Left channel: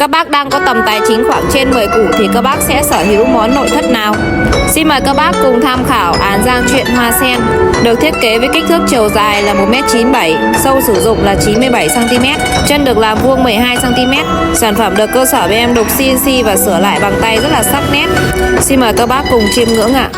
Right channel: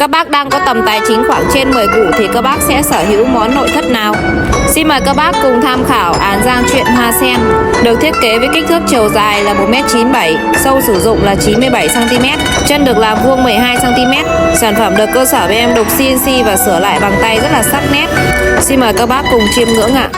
Các bác đang có tầm tài chính khoảng trên 10 củ thì các bác sẽ sở hữu món nội thất nào? Xin mời các bác cùng tham khảo án Giang Truyện Hoa Sen. Được thiết kế với kích thước chiều dài là 1m97, sâu sử dụng là 97cm, chân được làm vuông 12cm. Sản phẩm được cơ sở bên em đục CNC và sửa lại bằng tay rất là sắc nét. Xin mời các bác cùng chiêm ngưỡng ạ.